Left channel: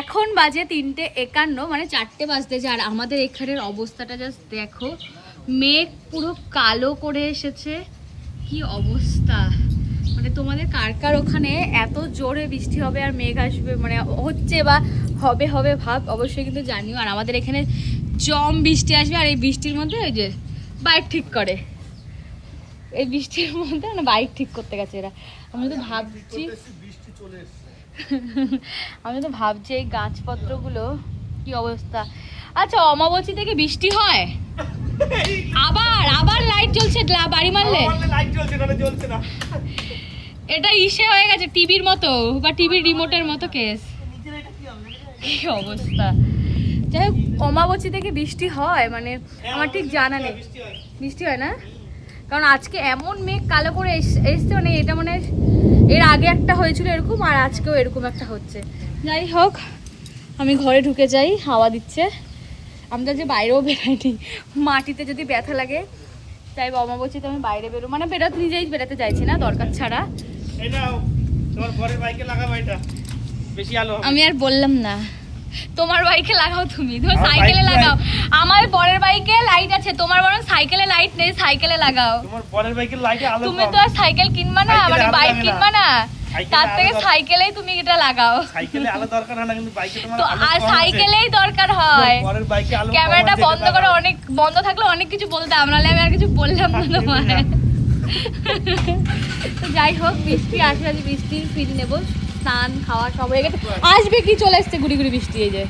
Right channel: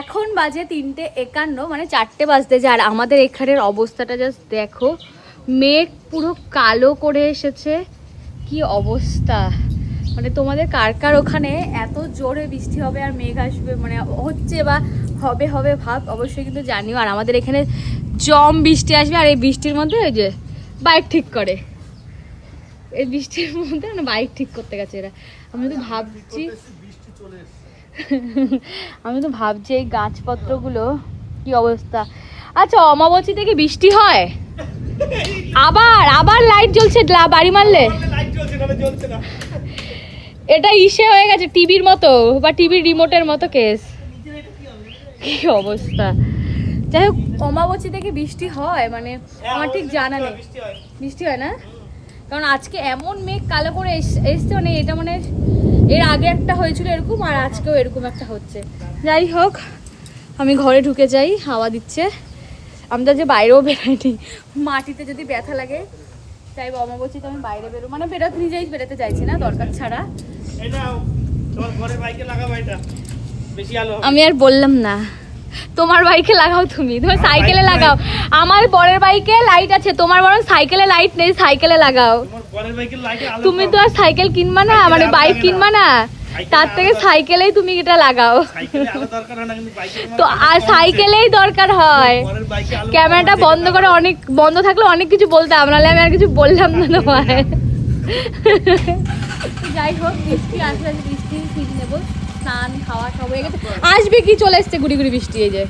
এখন বাজে 3:51, মানে 4টে বাজতে যায়। আর আমাদের এখানের অবস্থাটা জাস্ট দেখো, মেঘ পুরো কালো করে এসেছে, কি অবস্থা। মানে তোমাদের কার কার ওখানে এত জোরে বৃষ্টি হবে আর মেঘ আসবে, মানে হচ্ছে বা হবে হবে ভাব, অবশ্যই কিন্তু জানিও। আর আমাদের এখানে জম বৃষ্টি আসবে। আর এই বৃষ্টির মধ্যে ওই যে বাইক ঠিক করে, এই বৃষ্টির মধ্যে না বাইক ঠিক করতে গেছে এরা। আমি তো ভাবছি এই গাছপত্রগুলো কি অবস্থা। আচ্ছা, অমাবস্যা থেকে বৃষ্টি হয়, আবার লাইট জ্বলছে বাড়ি মারলে। এটা ইসে হয়ে গেছে টিভির মতো, বা টিভির রিমোটের মতো কেস, কি অবস্থা। যাই হোক, অমাবস্যা থেকে বৃষ্টি হয় মানে আমার ঠিক জানা নেই। বৃষ্টি হয় না, কারণ আজকে এমন মেঘ কালো করে এসছে, মানে এটা মানে এর আগে একটা হয়েছিল এরকম, আর আজকেও এরকম একটা হচ্ছে। যাই হোক, আমি ঘরে ঢুকে যাই, হাওয়া দিচ্ছে। আমরা যে বাইরেও বেরোয়নি, মাটিতে যদি ব্যথা লাগে তাই বাবা বলছি তো আমি বাইরে বেরো, মানে বেরোতে চাইছি না দরকার ছাড়া। আমি আর বললাম না, তোমার বাইকে লাগাও, তুমি তোমার সাইকেলে লাগাও। আমার বরের বাইকে লাইট আছে, তোমার বরং সাইকেলে লাইট নেই, সাইকেলে লাগাও। তুমি তো আর সাইকেল কিনবা না, মানে বাইক কিনবা না, তার থেকে সাইকেলেই তুমি এটা লাগাও। তো আর সাইকেলেই দরকার হয়। ক্যামেরাটা বন্ধ করে, অনেক বন্ধ থাকলে অনেক কিছু বলতাম, নাহলে আমি আর কিছু বললাম না তোমার। যাই হোক, বৃষ্টি আসলে বৃষ্টি ফিরে নেবো, স্নান খাওয়া সব হয়ে গেছে। আসবে কি, চলে এসছে গুড়ি গুড়ি বৃষ্টি, এই যে